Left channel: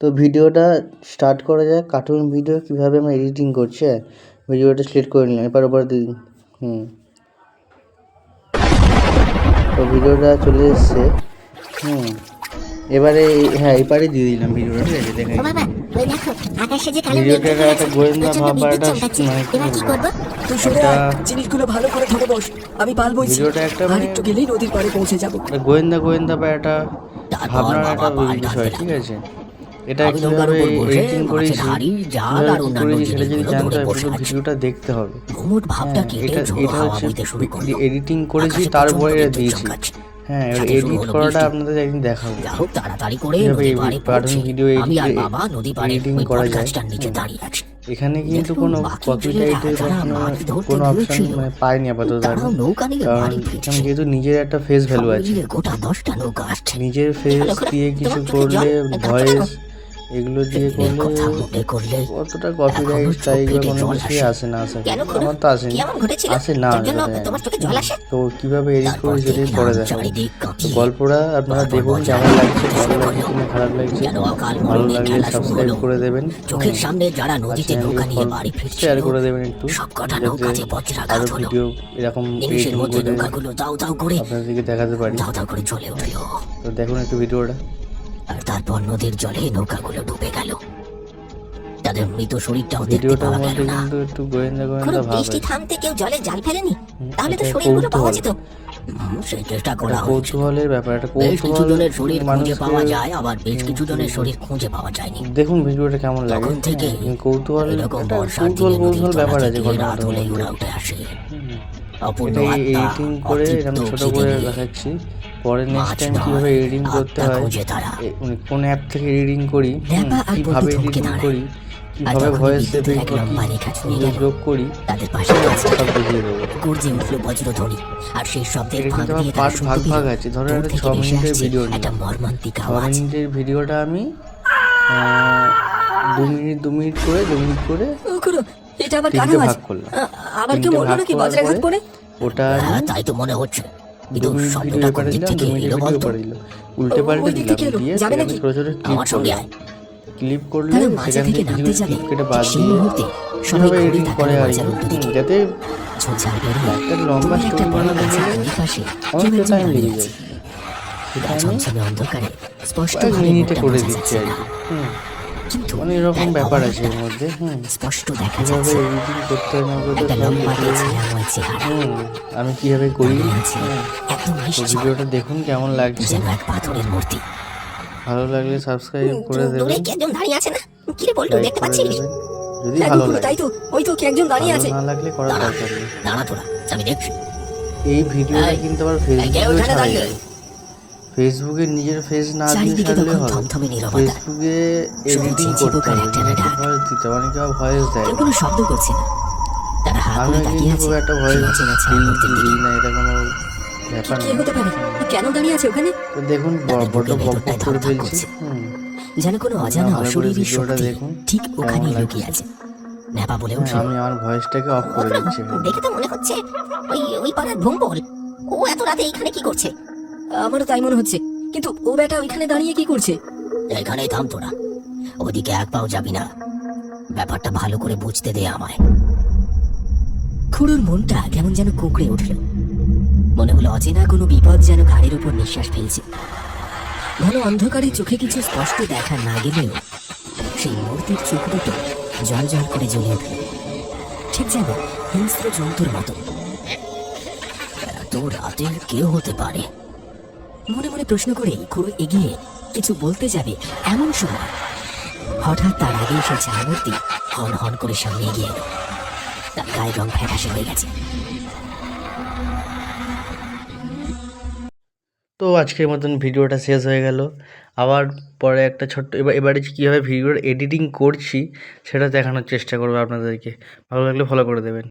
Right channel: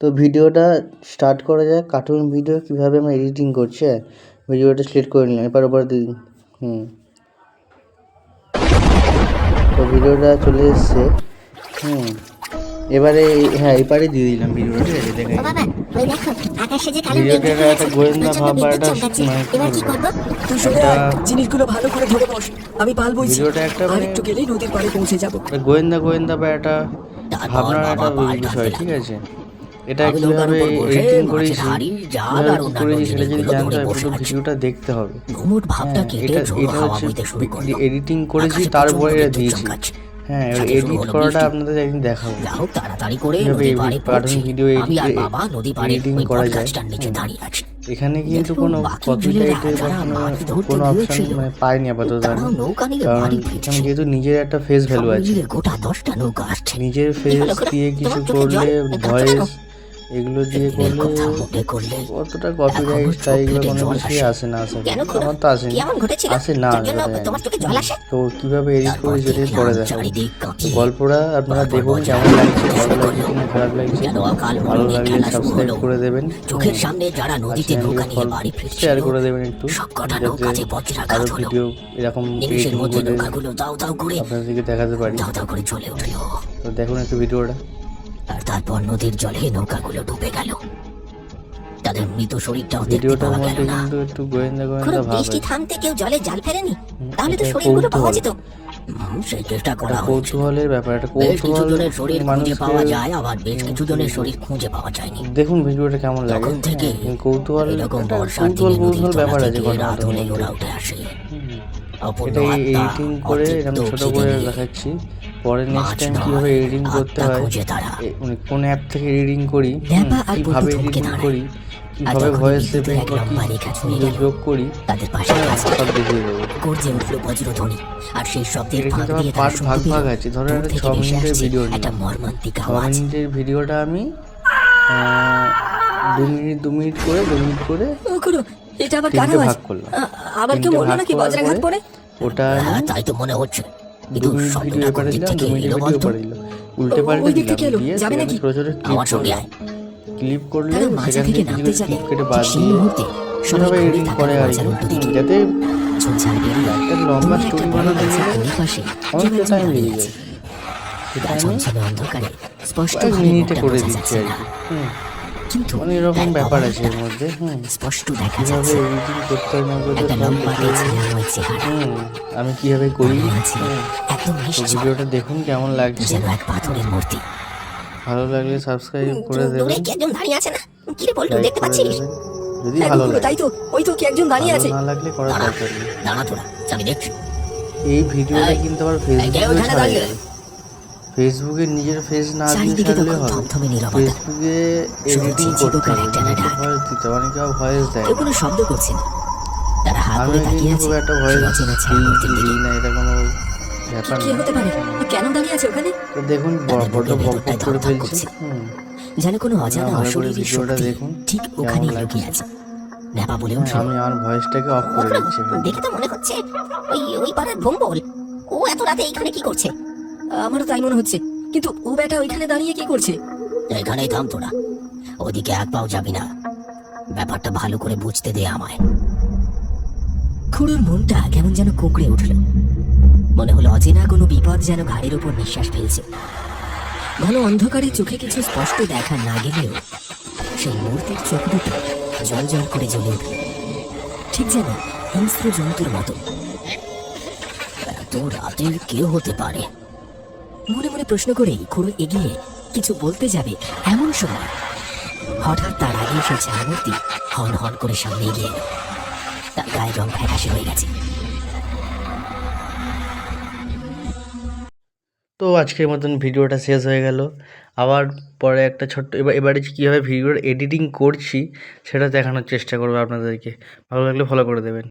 তো ভিডিওটা স্টার্ট করা যাক। কার্টুন ভিডিও কীভাবে আমরা এডিটিং করছি। ভিডিওটা সিলেক্ট করে নিলাম, এপার ওপার দিন। তো ভিডিওটা চলে এসছে। এবারে হ্যাঁ এপারে দিয়ে দিলাম ভিডিওটা, ঠিক আছে। দেখে ভিডিওটা একটা গোয়েন্দা ভাব বা একটা মানে কী বলবো, একটা জিনিসগুলো ভালো করে ধরে বস, আমি পালবো। ভিডিওটা একটা মানে একটু গেলেই নদীর পাড়ে পৌঁছে যাব। গোয়েন্দা বা একটা ভাবনার একটা বিষয়, ঠিক আছে। এটা কীভাবে এডিটিং করেছি, কীভাবে কী করেছি সেটা যদি জানতে হয় পুরো ভিডিওটা দেখতে হবে। হ্যাঁ, এটা হচ্ছে এডিটিং করেছি, তারপরে এটা দিয়েছি। হ্যাঁ, এবার এডিট করাটা আপনাদের একদিন দেখাবো কীভাবে কার্টুন ভিডিও এডিটিং করা যায়। এখানে কিন্তু কোনো কপিরাইটের বা কোনো অপশান মানে পাইনি আপাতত আমি, কারণ এখানে যেহেতু নিজের একটা ফেস ভ্যালু আছে, নিজের ফেস দিয়ে কিছু করলে, ভয়েস এগুলো দিয়ে করলে অতটা কপিরাইট স্ট্রাইক বা কোনো কিছুই আসে না। আশা করি আমার তো আসে না তো কীভাবে এডিট করি সেটাই পরে দেখাবো। তো গল্পটা আপনারা দেখুন কেমন লাগছে, ভালো লাগছে কিনা খারাপ লাগছে। ভালো লাগলে সাবস্ক্রাইব করে দেবেন আর চ্যানেলটিকে ফলো শেয়ার করে দেবেন একটু, যাতে আরও ভিডিও এরকম এডিটিং করে আপনাদেরকে দেখাতে পারি। তো দেখুন একটু ভিডিওটা। আর তারপর নদীর জলে নৌকাগুলো ডুবে গেল। তাদের মৃত শরীরটাও ভিডিওটার মধ্যে কিন্তু একটু গোয়েন্দা ভাব আছে। থামতে কেউ জলে জাল ফেলেনি, তাহলে তো শরীরগুলো পাওয়া যেত। সেই চেষ্টা করা কৌতূহলের ব্যাপার, একটা কৌতূহল মানুষকে আবার বেশ কিছু জনের শরীর খুঁজে পাওয়া যায়নি। দেখুন ভিডিওটা কেমন লাগে। কৌতূহল ব্যাপার আছে ঘটনাটার মধ্যে। এটা এডিটিং করে এরকম ছোট করে দেখাচ্ছি। পরে নেক্সট টাইম কীভাবে এডিটিং করতে হয়, কোন অ্যাপ থেকে এডিটিং করি, কীভাবে এডিটিং করি, কীভাবে ভয়েস এফেক্ট বা কী যোগ করি, সব দেখিয়ে দেবো। এটা কিন্তু আমার পার্ট ভাগ আছে। ধরো একটা 6 মিনিটের ভিডিও নিলাম, 6 মিনিটের ভিডিওটা আমি 2 মিনিট করে 3টে ভাগ করলাম। 3টে ভাগ করার পরে ওটা আমি 2 মিনিট ভিডিও এপারে দিলাম, 2 মিনিটের ভিডিও এপারে দিলাম, উল্টে পাল্টে দিলাম, দিয়ে সেখানে ছোটো ছোটো ক্লিপ করলে সেখান থেকে কিছু কিছু ক্লিপ কেটে বাদ দিয়ে কীভাবে এডিটিং করে আর কি, যাতে একটা লম্বা স্টোরি বানাতে গেলে অনেকটা টাইম লেগে যায়, সেটা আমি কয়েক মিনিটে করে দিচ্ছি আর কি। অনেক এরকম ব্যাপার আছে এর মধ্যে। কীভাবে এডিটিং করতে হয় না করতে সব দেখিয়ে আমি কীভাবে করি। তো ভিডিওটা দেখুন কেমন লাগছে। ভালো লাগলে সাবস্ক্রাইব করে দেবেন, লাইক করে দেবেন যদি ভালো লাগে। ভালো না লাগলে করার দরকার নেই। এই ভিডিওটা কিন্তু আবার ফেসবুকেও ছাড়া যাবে। ফেসবুকে নিজের ফেস না দিয়ে ছাড়লে হবে, ফেসবুকে এডিটিং করতে হবে, নিজেকে ভয়েস দিতে হবে। অনেকে ভয়েস দেয়, আমিও কিন্তু খুব একটা ভয়েস দিই না, এটা কোনো ব্যাপার না। তো দেখুন বড্ড বক করে ফেলছি। ভালো করে ভিডিওটা দেখুন কেমন লাগছে। আমি আমার ভয়েসটাকে অফ করে দিচ্ছি। দেখে তো মনে হচ্ছে ওই পাড়ার ভম্বল, ও এত রাতে এইখানে কি করছে? আমারও তাই মনে হচ্ছে, কিন্তু ও বেটা ওইখানে দাঁড়িয়ে কি করছে? এখানেই থাম তোরা, ওদিকে এক পাও যাবি না। ব্যাপারটা ভালো করে বুঝতে দে আমায়। খুড়োর মনটা কেমন যেন কুঁকড়ে উঠল। মনে হলো অচেনা কোনো বিপদ যেন ঘাড়ের উপর নিঃশ্বাস ফেলছে। ঘন অন্ধকারে চোখে কিছু স্পষ্ট দেখা না গেলেও সেই মূর্তির চোখ দুটো জল জল করে জ্বলে উঠল, ঠিক যেন হিংস্র জন্তুর মতো। এত রাতের কেউ হতে পারে মনে মনে প্রশ্ন করেই খুড়ো এগিয়ে কিছু বলতে যাবে, এমন সময় হঠাৎ তার আগে এসেছে মূর্তি হন হন করে সামনে এগিয়ে এলো। তার গায়ের রং ফ্যাকাশে হয়ে গেছে। তো আজকের মতন ভিডিওটা শেষ হয়ে গেল। আবার পরে একটা ছোট্ট এবারে কীভাবে ভিডিওর এডিটিং করছি সেটা দেখানোর চেষ্টা করবো আপনাদেরকে। ভালো লাগলে ফলো করে দেবেন।